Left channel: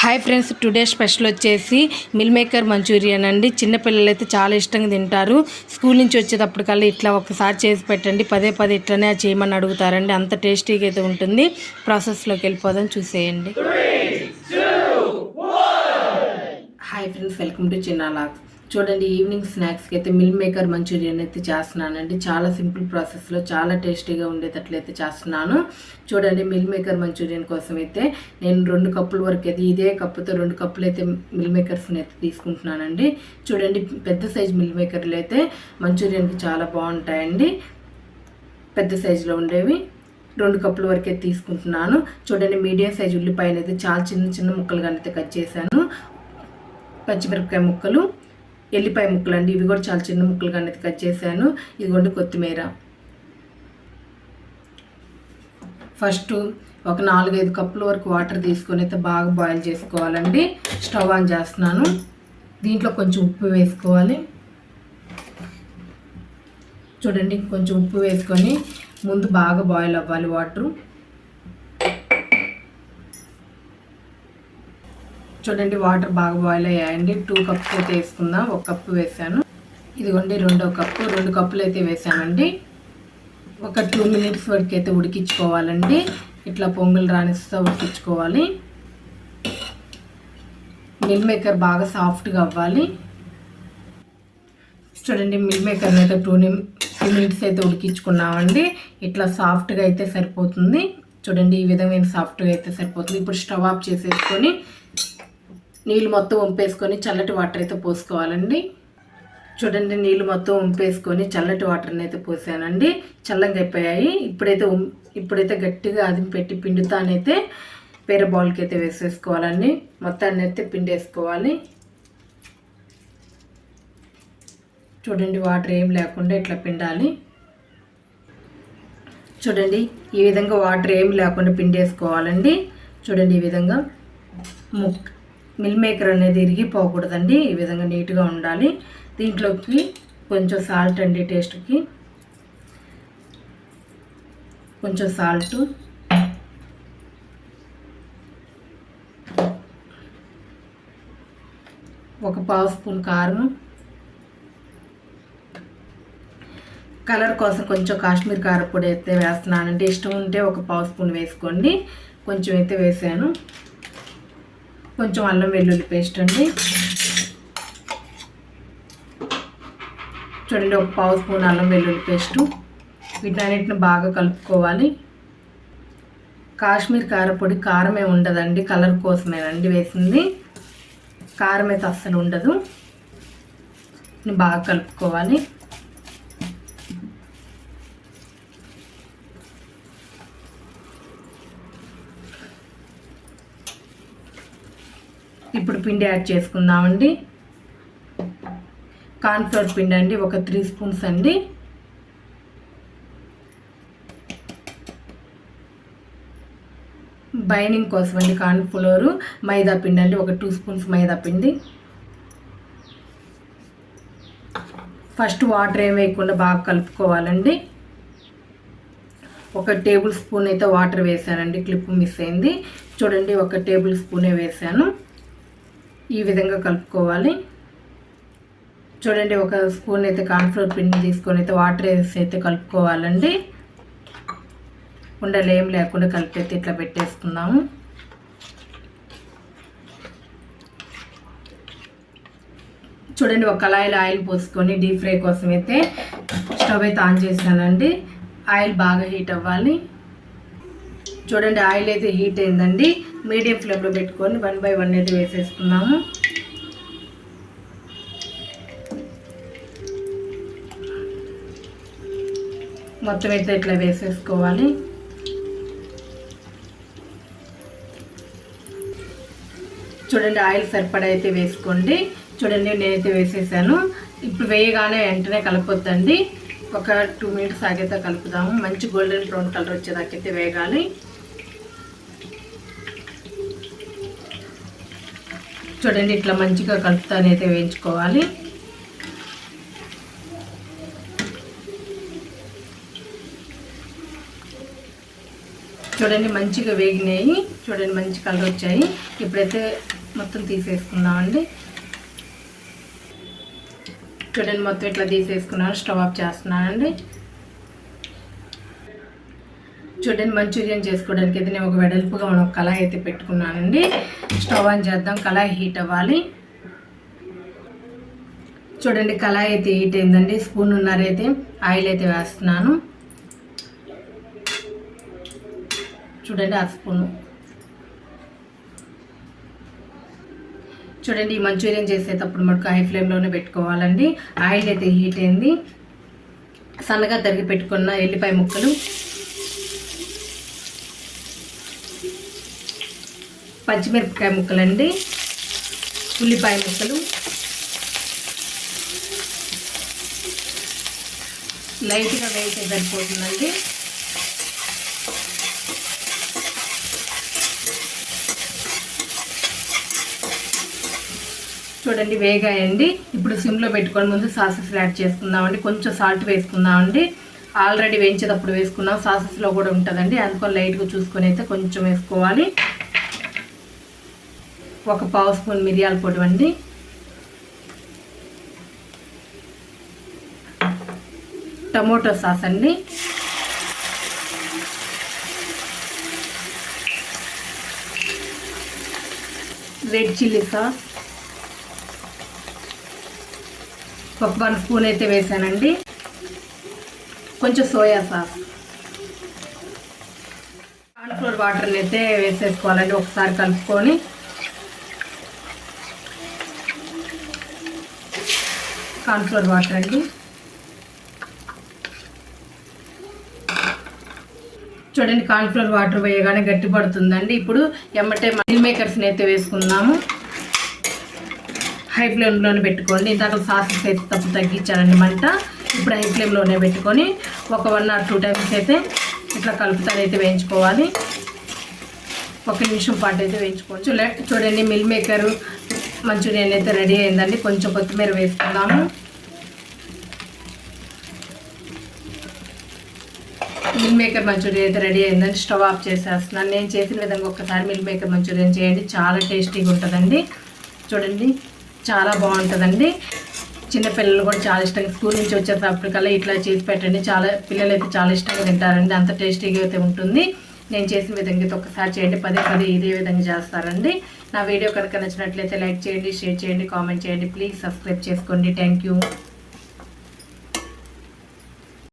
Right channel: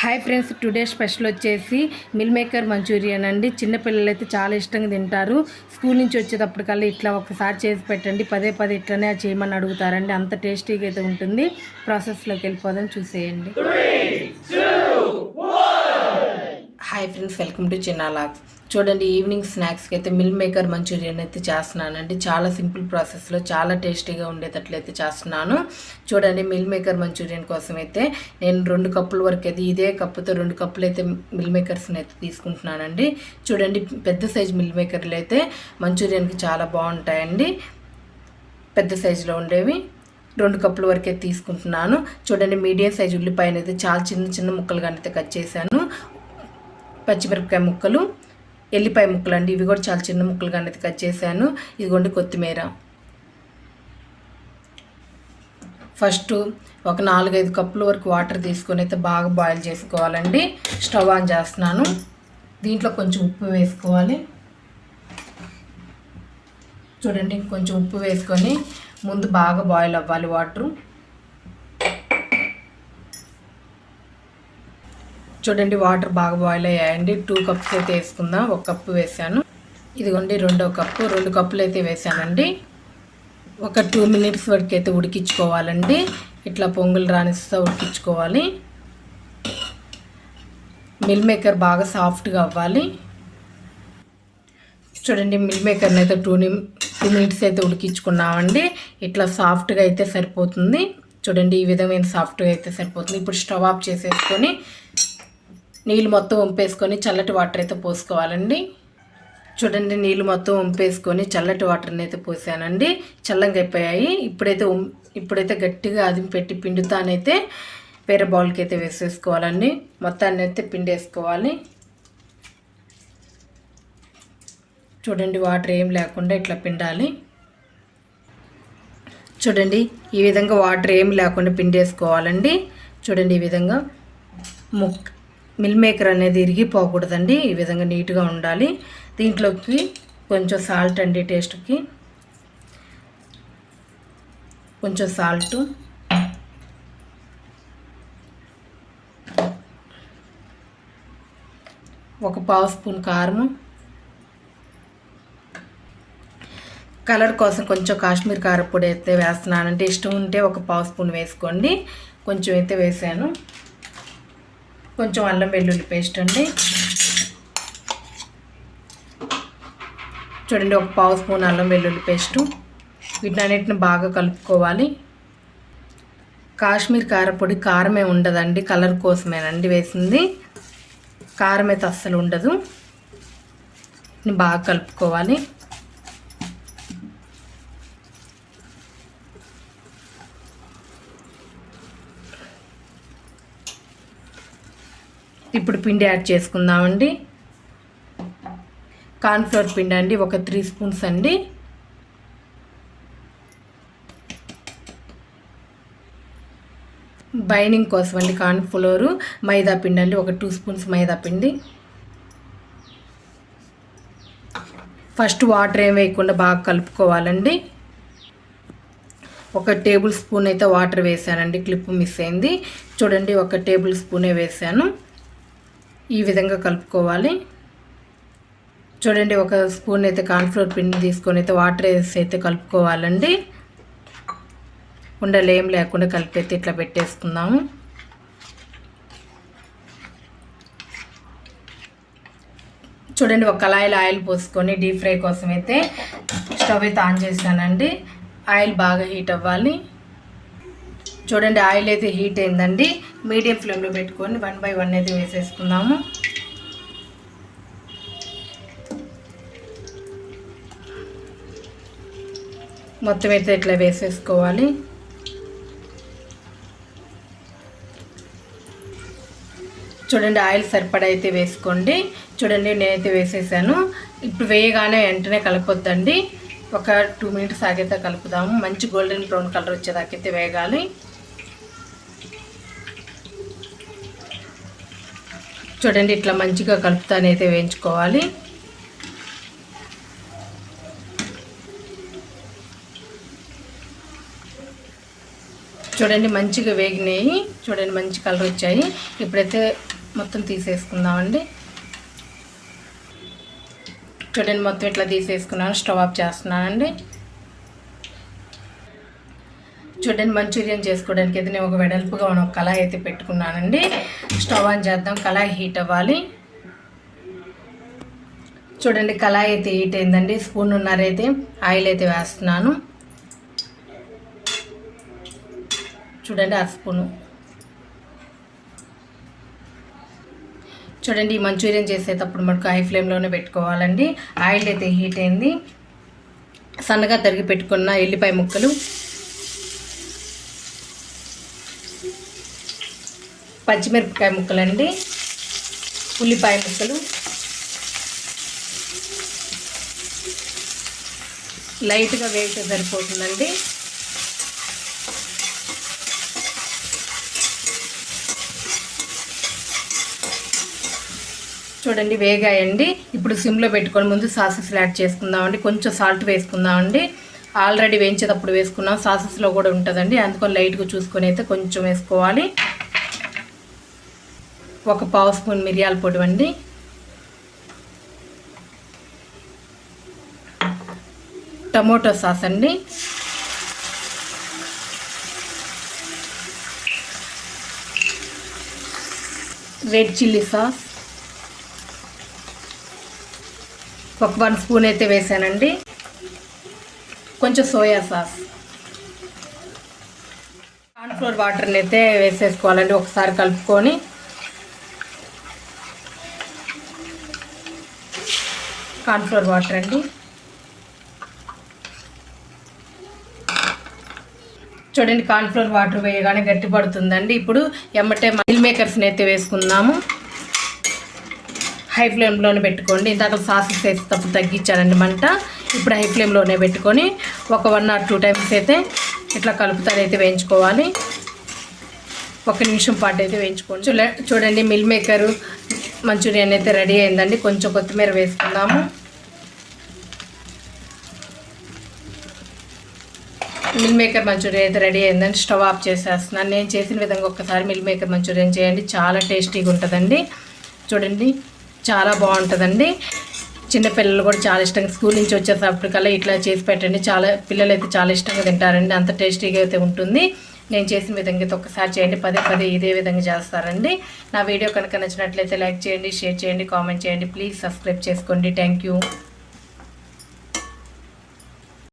Hi friends today special వచ్చేసి meal maker Manchurian అండి. చిన్నపిల్లలు అయితే చాలా ఇష్టంగా తింటారు. స్కూల్ నుంచి వచ్చేటప్పటికల్లా ఇట్లా ఒకసారి చేసి పెట్టండి. పదే పదే ఇట్లనే చేయమని అడుగుతారండి. అంత టేస్టీగా అయితే ఉంటుంది. ప్రాసెస్లోకి వెళ్ళిపోదాం చూసేయండి. ఫ్రెండ్స్ వెల్కమ్ టు చిన్నాలాగ్ చూడండి ఈవినింగ్ స్నాక్స్కి అయితే మిల్ మేకర్ మంచూరియన్ అయితే చేస్తున్నానండి. చాలా సింపుల్ ప్రాసెస్లో చాలా టేస్టీగా ఉండేటట్లయితే చేస్తున్నాను. చూడండి మిల్ మేకర్ మంచూరియన్ కోసం అయితే నేను రెండు కప్పుల వరకు అయితే ఇదే కప్పుతో రెండు కప్పులు అయితే మిల్ మేకర్స్ని అయితే తీసుకుంటున్నానండి. చూడండి పెద్ద సైజ్ మిల్ మేకర్లు అయితే మంచూరియన్కి చాలా బాగుంటాయండి. పెద్ద సైజులో ఉండేవి రెండు కప్పుల వరకే తీసుకుంటున్నాను. చూడండి మీడియం సైజ్ ఉల్లిపాయ అనేది చాలా చిన్న చిన్న ముక్కలుగా అయితే కట్ చేశాను. పచ్చిమిరపకాయ ముక్కలు ఎల్లిపాయ ముక్కలు అండి ఇవి కూడా చాలా చిన్న ముక్కలుగా అనేది కట్ చేశాను. ఇదిగోండి కొత్తిమీర. ఫస్ట్ ఒక నాలుగైదు కప్పుల వరకు వాటర్ తీసుకొని అయితే బాగా బాయిల్ చేసుకోవాలండి. స్టవ్ ఆన్ చేస్తున్నాను. దీంట్లో కొంచెం ఉప్పు వేసుకోవాలి. చూడండి కొంచెం ఉప్పు వేసుకొని ముందు బాగా బాయిల్ అవ్వాలి వాటరు. చూడండి వాటర్ బాగా బాయిల్ అయ్యాయండి. టూ కప్స్ అయితే వేసుకుందాం. ఒక కప్పు వేసాను. ఇదిగోండి రెండో కప్పు రెండు కప్పులు అయితే వేసానండి ఒక టూ మినిట్స్ వరకు అయితే ఉడికించుకోవాలండి. ఇట్లా పొంగులు రాణిస్తూ ఉడికించుకోవాలి. మిల్ మేకర్ బాగా సాఫ్ట్గా అవ్వాలి. చూడండి మిల్ మేకర్ని అయితే టూ టూ మినిట్స్ అయితే ఉడికించుకున్నామండి. ఇట్లా సాఫ్ట్గా అయితే సరిపోతుంది. చూడండి ఈ విధమైన సాఫ్ట్గా అయితే సరిపోతుంది. ఇప్పుడు స్టవ్ ఆఫ్ చేసేసుకొని నీళ్ళు మొత్తం ఉంపేసుకొని చల్లటి వాటర్ అయితే పోసుకోవాలండి. చూడండి నీళ్ళు మొత్తం ఉంపేసుకొని చల్లటి వాటర్ని అయితే పోసానండి. చల్లంగా అయిపోయాయి. ఇప్పుడైతే ఇప్పుడైతే గట్టిగా అది పెట్టి పిండుతానైతే వేరే బౌల్కి అయితే వేసేసుకోవాలండి. మొత్తాన్ని అయితే పిండేసుకోవాలి. చూడండి వాటర్ ఏం లేకుండా ఇట్లా పిండాలి. చూడండి ఈ విధంగా వాటర్ ఏం లేకుండా పిండేసుకోవాలండి. చూడండి ఈ విధంగా ముక్ మిల్ మేకర్ అనేది ఇరిగిపోకూడదండి ఈ విధంగా నీట్గా ఉండాలి. దీంట్లోకి కొంచెం సాల్ట్ అండి టేస్ట్కి. కొంచెం సాల్ట్. ఒక పావు స్పూన్ కారం కలర్ కోసం కొంచెం కాశ్మీర్ కారపొడి అయితే వేస్తున్నానంటే ఇష్టం ఉంటే ఒక పావు స్పూన్ వేసుకోండి. కొంచెం అయితే వేసాను. కొంచెం అల్లం వెల్లుల్లి పేస్ట్ అండి. చూడండి ఒక పావు స్పూన్ అల్లం వెల్లుల్లి పేస్టు. వీటన్నిటిని బాగా కలుపుకోవాలి. కాశ్మీర్ కారపొడి కారమే ఉండదండి కలర్ కోసమేనండి వేసింది. కారం అయితే అస్సలు ఉండదు. బాగా కలుపుకోవాలి. ఇప్పుడు పిండి యాడ్ చేసుకుందామండి. కార్న్ఫ్లవర్ పిండి అండి ఒక త్రీ స్పూన్స్ అండి. బైనింగ్ కోసం అండి కార్న్ఫ్లోర్. మైదా పిండి అండి ఒక టూ స్పూన్స్ మైదా పిండి. ఫస్ట్ వాటర్ ఏం వేయకుండా బాగా కలుపుకోవాలండి. ఒక టేబుల్ స్పూన్ అయితే వాటర్ వేసానండి క్లిప్ మిస్ అయింది. చూడండి ఒక టేబుల్ స్పూనే వేసాను. ఈ విధంగా కలుపుకోవాలి. చూడండి ఒక స్పూన్ అయితే కార్న్ఫ్లోర్ పిండి తీసుకొని అయితే వాటర్ వేసి అయితే కలుపుకోవాలండి. ఉండలు ఏం లేకుండా కలిపైతే ఇట్లా పెట్టేసుకుందాము. చూడండి ఒక కళాయిలో ఆయిల్ పోసుకొని డీప్ ఫ్రై కోసం అయితే స్టవ్ అయితే ఆన్ చేశానండి. ఆయిల్ బాగా హీట్ అవ్వాలి. చూడండి ఆయిల్ అయితే హీట్ అయిందండి. మీడియం ఫ్లేమ్లో పెట్టుకొని వన్ బై వన్ అయితే వేసేసుకుందాము. మొత్తం అయితే ఇట్లా వేసేసుకోవాలి. చూడండి ఆయిల్ సరిపడా అయితే వేసుకోండి. చూడండి నేనైతే వేసేసాను. ఇప్పుడు వేయగానే వెంటనే కలపొద్దండి. ఒక టూ మినిట్స్ ఆగైతే కలుపుదాము. మంచి గోల్డెన్ బ్రౌన్ కలర్ వచ్చేదాకైతే వేగాలి చూడండి ఇట్లా మంచిగా కలుపుతానైతే వేయించుకోవాలి. చూడండి మంచిగా వేగినాయి. చూడండి మంచి కలర్ వచ్చాయి. ఇప్పుడైతే మొత్తం తీసేసుకుందామండి. చూడండి మొత్తం ఇట్లా తీసేసుకున్నాను స్టవ్ ఆఫ్ చేస్తున్నానండి. చూడండి మంచూరియన్ చేసుకోవడానికి అయితే నేను ఒక వెడల్పుగా ఉన్న ఒక కళాయి అయితే పెట్టుకున్నానండి. స్టవ్ ఆన్ చేద్దాం కళాయి హీట్ అవ్వాలి. చూడండి కళాయి అయితే హీట్ అయిందండి. స్పూన్ ఉన్నారైతే ఆయిల్ అయితే వేస్తున్నాను. చూడండి ఆ స్పూను. చూడండి ఈ మంచూరియన్ చేసేటప్పుడు మనకు హై ఫ్లేమ్లోనే పెట్టుకోవాలండి. ఆయిల్ అయితే హీట్ అయింది. సన్నగా తరిగి పెట్టుకున్న ఎల్లిపాయ ముక్కలు పచ్చిమిరపకాయ ముక్కలండి. ఉల్లిపాయ ముక్కలు. లైట్గా వేస్తే సరిపోతుందండి. చూడండి వేగాయండి. ఇప్పుడు సిమ్లో పెట్టుకొని ముందు సాసెస్ యాడ్ చేసుకుందామండి. కొంచెం సాల్ట్ వేసుకుందామండి. ఆల్రెడీ వేయించేటప్పుడు వేసుకున్నాం. సాసెస్లో కూడా ఉంటుందండి. అందుకని లైట్గా చూసుకొని అయితే కొంచెం వేసుకోవాలి. ఒక పావు స్పూన్ మిరియాల పొడి అండి టమోటో సాస్ అండి. Red chilli sauce. ఒక వన్ స్పూన్ అయితే వేసానండి. కొంచెం సోయా సాస్. కార్న్ఫ్లోర్ వాటర్ని అయితే వేసేసుకోవాలండి. ఒకసారి కలుపుకొని కార్న్ఫ్లోర్ వాటర్ అండి. చూడండి కార్న్ఫ్లోర్ వాటర్ వేయగానే గట్టి పడుతుందండి. ఇప్పుడు ఎమ్మటే మిల్ మేకర్స్ని అయితే వేసుకుందాము. హై ఫ్లేమ్లోనే పెట్టుకోండి. ఇందాక సాసెస్ వేసేటప్పుడు తగ్గించానండి మంట. ఇప్పుడు హై ఫ్లేమ్లోనే పెట్టుకొని ఒక వన్ ఆర్ టూ టైమ్స్ అయితే ఇట్లా కలుపుతానైతే వేయించుకోవాలి. ఒక నిమిషం పాటు అయితే వేయించుకోవచ్చు. చూడండి మిల్ మేకరు మంచూరియన్ అయితే రెడీ అయిందండి. కొంచెం కొత్తిమీర వేసుకుందాము. మిల్ మేకర్ మంచూరియన్ అయితే రెడీ అయిందండి. స్టవ్ ఆఫ్ చేసేస్తున్నాను. నేను చేసిన విధంగా ఒక్కసారి మిల్ మేకర్ మంచూరియన్ చేయండి. చాలా టేస్టీగా ఉంటుందండి. చూడండి చాలా బాగుంటుందండి. చిన్నపిల్లలు కూడా చాలా ఇష్టంగా స్కూల్ నుంచి వచ్చేటప్పటికల్లా ఇట్లా చేసి పెట్టండి. చాలా పిల్లలు అయితే చాలా ఇష్టంగా తింటారండి. అంత టేస్టీగా అయితే ఉంటుంది. నేను చేసిన విధంగా అయితే ఒకసారి చేయండి. పదే పదే ఇదే విధంగా చేస్తారండి. నా వీడియో కనుక నచ్చినట్లయితే లైక్ చేయండి షేర్ చేయండి కామెంట్ చేయండి. ప్లీజ్ సబ్స్క్రైబ్ చేసుకోండి. Thank you